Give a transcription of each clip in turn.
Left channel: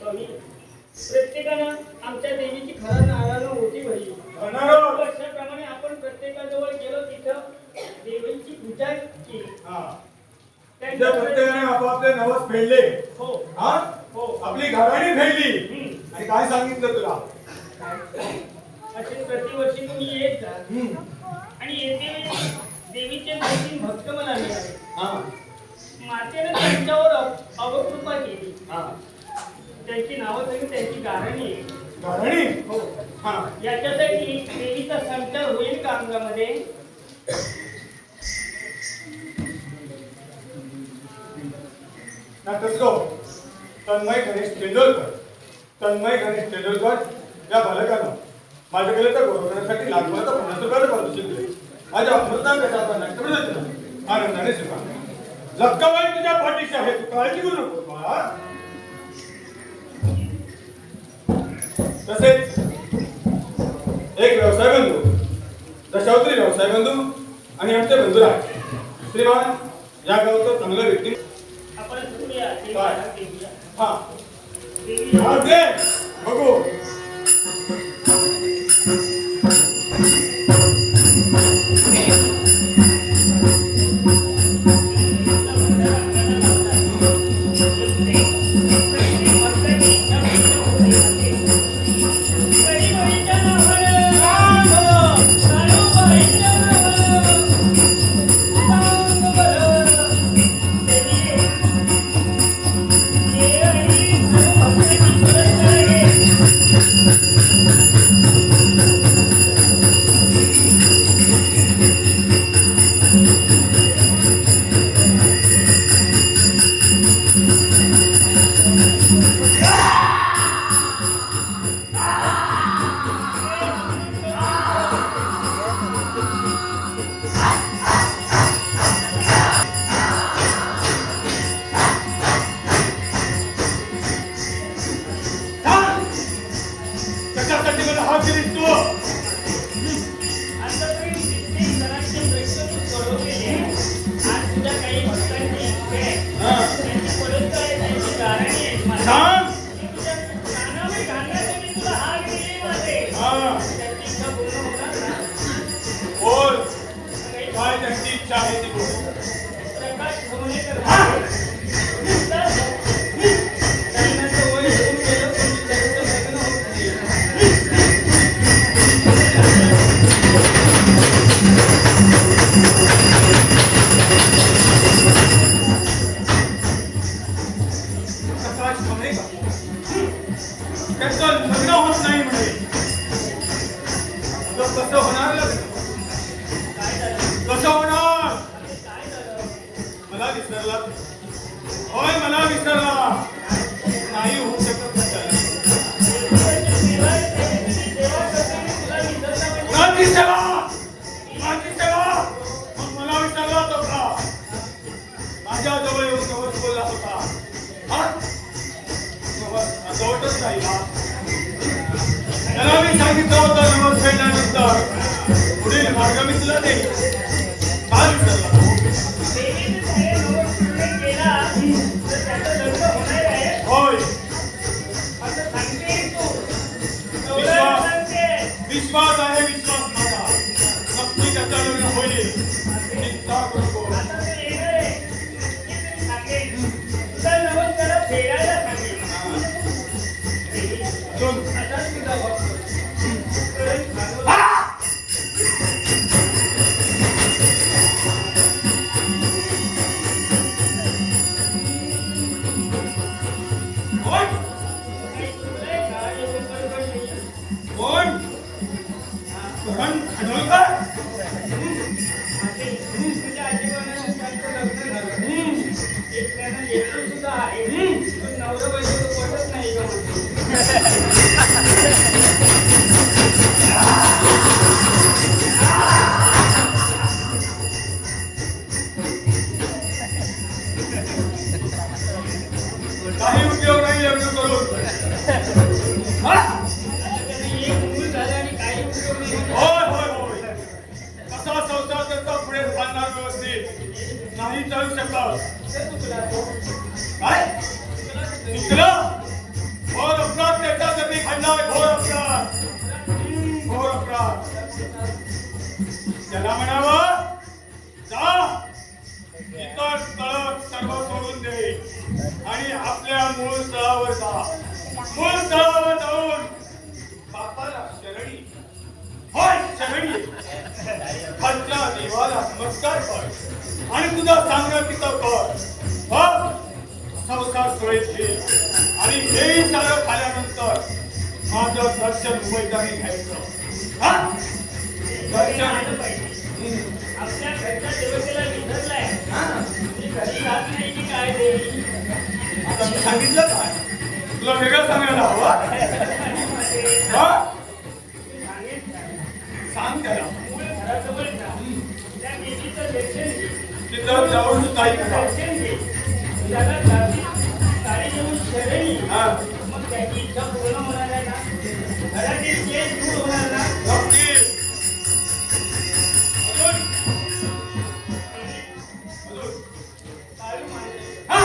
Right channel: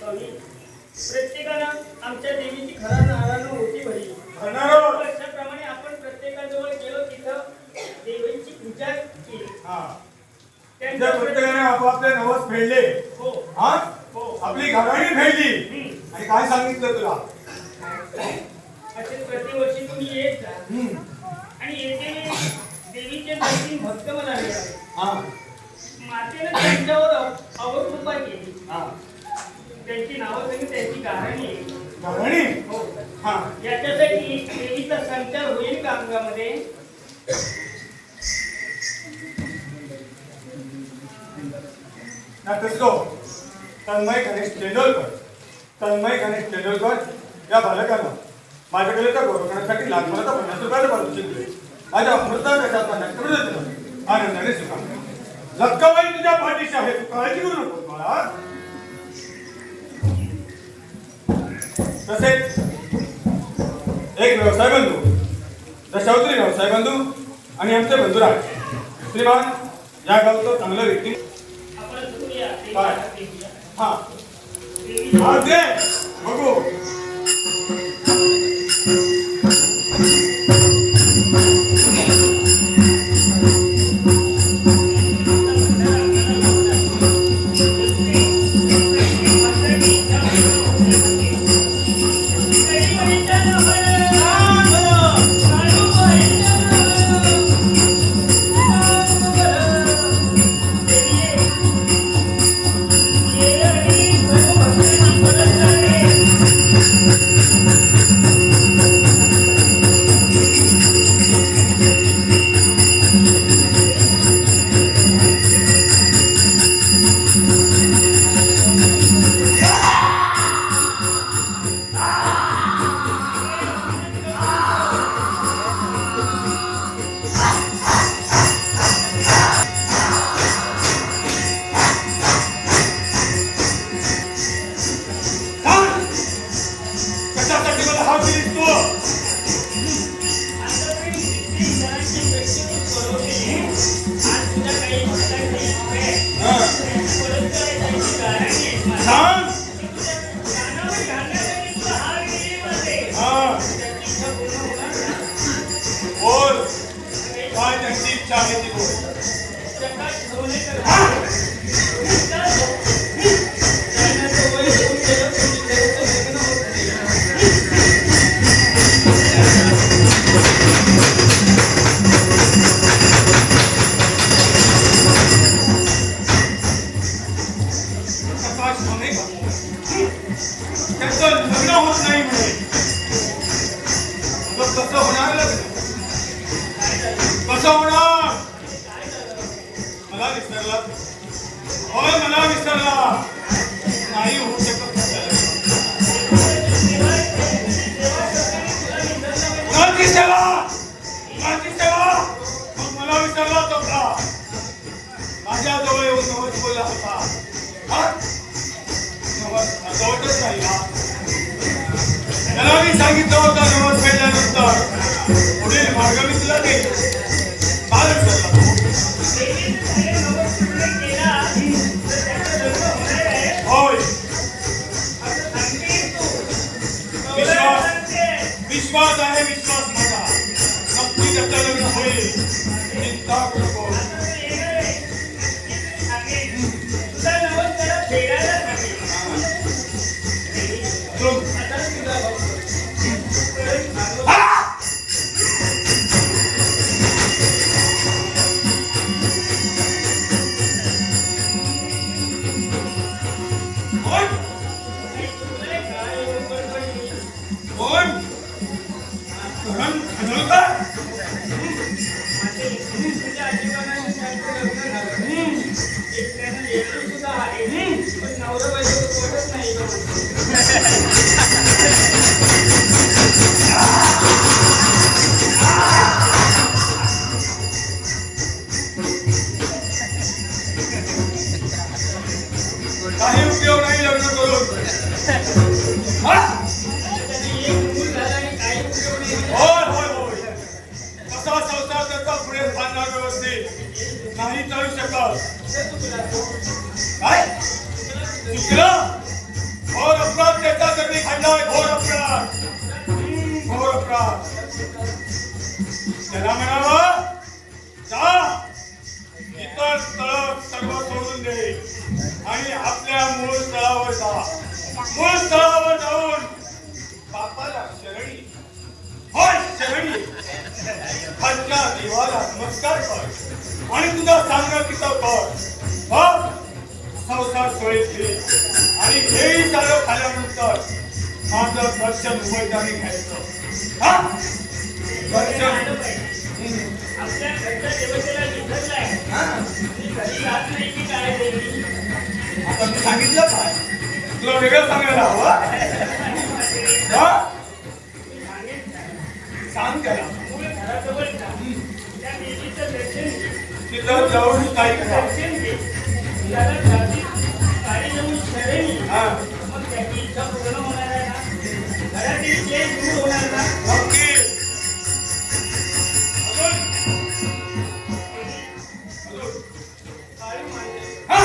स्वामी, प्रत्येकानं आमच्या देवीची खरा नारायण मोठी भरली. वर्षाप्रमाणे आपण प्रत्येकाजवळ गेलो तिथं देवीची पूजा केली. त्यांच्या प्रत्येकाने आपापले नवस फेडले. हो हा हो. आपली घराणी फेडली. आणि काय सांगितलं तुला? असे प्रतिवर्षी तुम्ही येत जा आणि येते वेळी देवीचे 2-3 भक्त मला मिळाले. मातेने त्यांच्यावर अवकृपा केली. त्यांची नावं सांगितली, त्यांची गारणी. घराणी हो. याच्यासाठी देवीचा संचार होईल का अंगामध्ये? तन्मय गणेश तेंडुलकर या बालकानं माझ्याकडे त्या गोरखण्यासाठी लाखभराचा 50 रुपयाला पारितोषिक दिले. माझ्या अमृता कशाचा नष्टपणे दिला आनंदाने स्वीकारला. लक्काबाई तुझ्या पाठीशी आहे, तू काळजी करू नको मला. तसेच एक व्यवसाय बंधू, दशावतारी व्यवसाय बंधू आणि आमचे बंधुराज श्रीमान या गावचं चांगलं व्यक्ती. हा दे बघू. सांगितलं होतं नमस फेडल्यानंतर पुढील मार्ग मी तुला देईन. होय, विश्वास आहे, विश्वास माझा. नक्की त्याचं लग्न होईल. चिंता करू नको. काही उपयोग नाही लग्न करून. होय होय होय, असा संसार त्याचा पुढे चालणार व्यवस्थित नाही चालू शकत. काय चुकलं? त्याला म्हणावं जा इतर स्थळ सर्व सोडून दे आणि आपल्या मूळ स्थळावर जा. मूळ स्थळावर जाऊन बापाला शरणी होय शरणी खालच्या देवाला नमस्कार कर आणि तुझा सांगणं तिथं कर. बघ संसार सुरळीत घे आणि हेही सारं खाल्यानंतर माझं दर्शन उमेदवारी घ्यायचं. हा दर्शन आपल्या घरच्या देवतेला विसरलाय. घरी राहत नाही की काय देवी? आता मी सांगितलं काय तुला वेगळं सांगायला हवं. सांग त्याला मूळ घराजवळ जा. त्या देवीचं दर्शन घे. तिथं जाऊन काही करा. दर्शन घे. त्याला जाती साडी देऊन शरणी. हा मग त्याची इच्छा पूर्ण होणार आहे ना? घरातील जे दूर होणार ना? नक्की. अजून अजून काळी मांडे. हा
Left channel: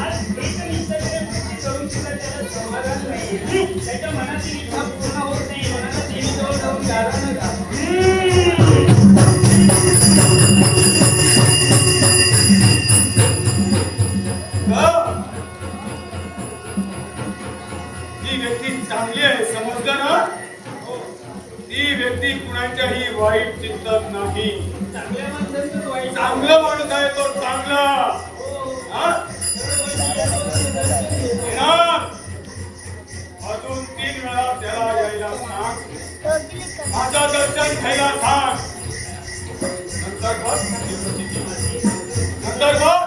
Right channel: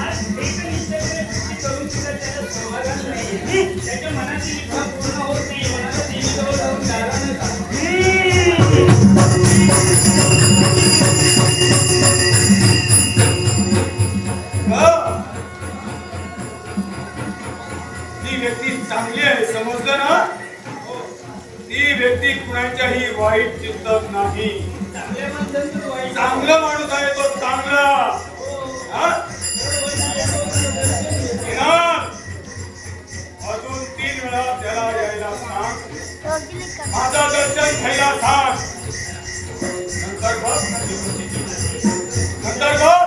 आज एक निसर्ग करून सुद्धा त्याला समाधान नाही. त्याच्या मनाची इच्छा पूर्ण होत नाही. मनाला देवीजवळ जाऊन दारानं जा. जी व्यक्ती चांगली आहे समजलं ना. ती व्यक्ती कुणाच्याही वाईट चिंतत नाही. चांगल्या माणसांचं वाईट. चांगलं माणूस आहे तो चांगला. हा? येणार. अजून 3 वेळा त्याला यायला सांग. माझं दर्शन घ्यायला सांग. नंतर बघ नंतर बघ.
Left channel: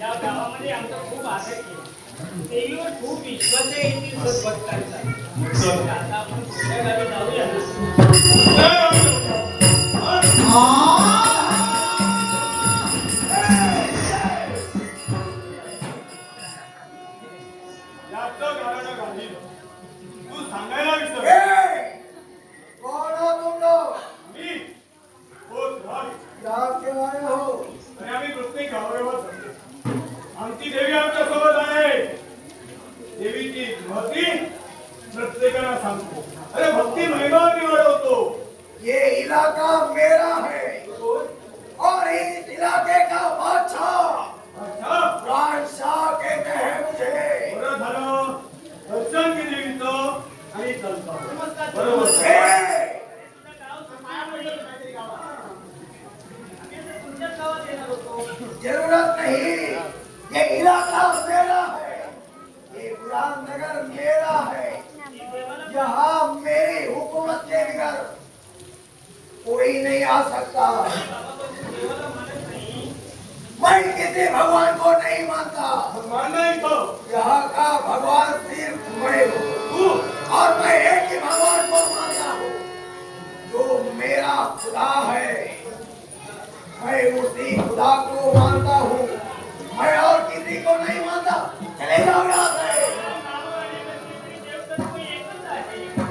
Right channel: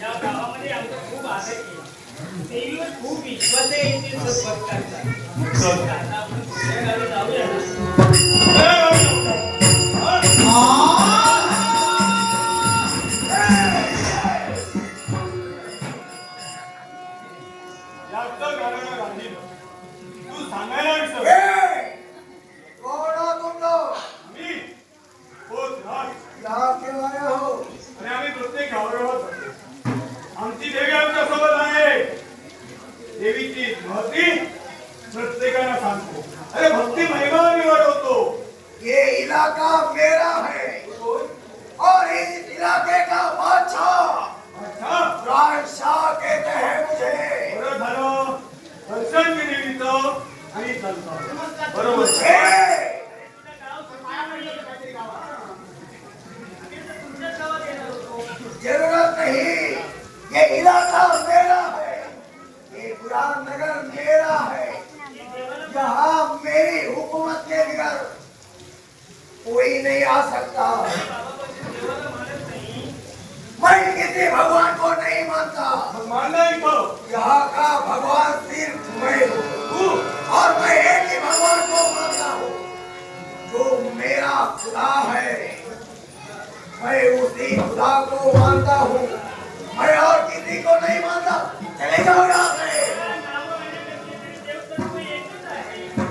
या गावामध्ये आमचा खूप आदर केला. देवीवर खूप विश्वास आहे. इथे लोक बसतात. आता आपण दुसऱ्या गावी जाऊया ना. जास्त गाणं गाणं तू सांगायला विसर. मी होत राज आणि आम्ही प्रत्येक गावागावात जातो. आमची देवी आमच्या सोबत आहे. देवीची महती प्रत्येकाला सांगतो. अरे भक्ती महिमा निवडवतो. ये इलाका मेरा है और इस इलाके का बादशाह अच्छा राजशाह कहते हैं मुझे. बरं झालं. दर्शन घे देवीचं आणि चालतं. बरोबर. ए, तुमच्याच गावात येणार होतो. जरूरत नहीं. ये इलाका मेरा है. ये बुरानगर मेरा है. यहाँ मेरी हुकूमत के बगैर कोई नहीं आ सकता. मैं किसी भगवान को नहीं मानता. मानना ही तो. यहाँ का भगवान सिर्फ मैं हूँ और मैं एक ही भगवान को मानता हूँ जो मेरा खुदा है. मैं उसी खुदा को मानता हूँ. मैं और किसी को नहीं मानता. चले जाओ यहाँ से.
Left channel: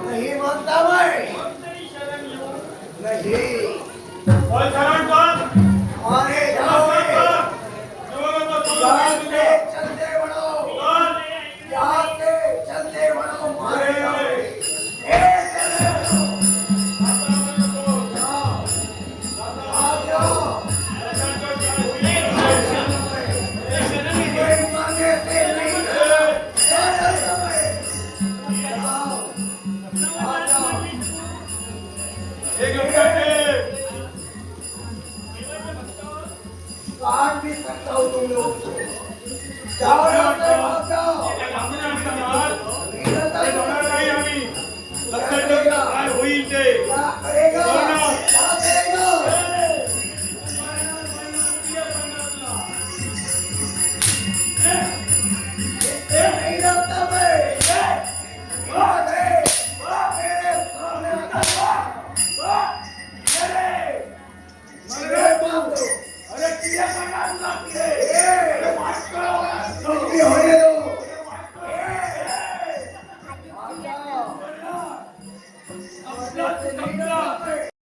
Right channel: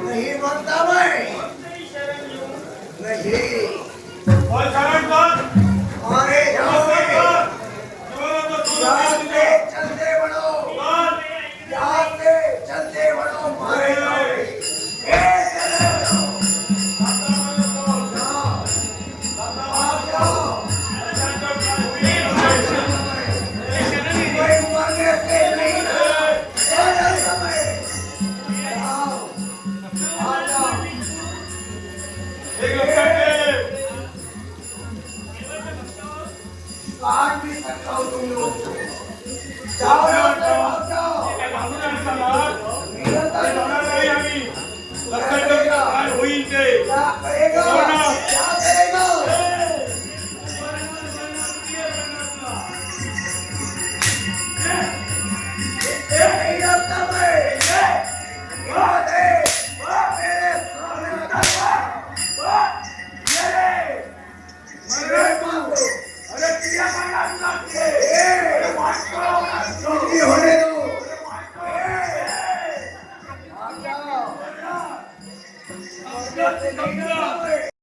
नहीं मानता मैं. नहीं. बोल शरण कर. मारे जाओगे. यहाँ से बोल. चलते बढ़ो. यहाँ से चलते बढ़ो. मारे जाओगे. ए, चले बढ़ो. आ जाओ. कोई मांगे से नहीं. चलो समय. आओ. आ जाओ. एक लक्षात ठेव. काट भी सकता हूँ तुम लोग को. जाओ यहाँ से भाग जाओ. काय थांबून आणता ना? इधर तक जाणार नाही आम्ही. लक्षात ठेव काय होईल ते. क्या करेगा. क्या करेगा. ए, ए, दे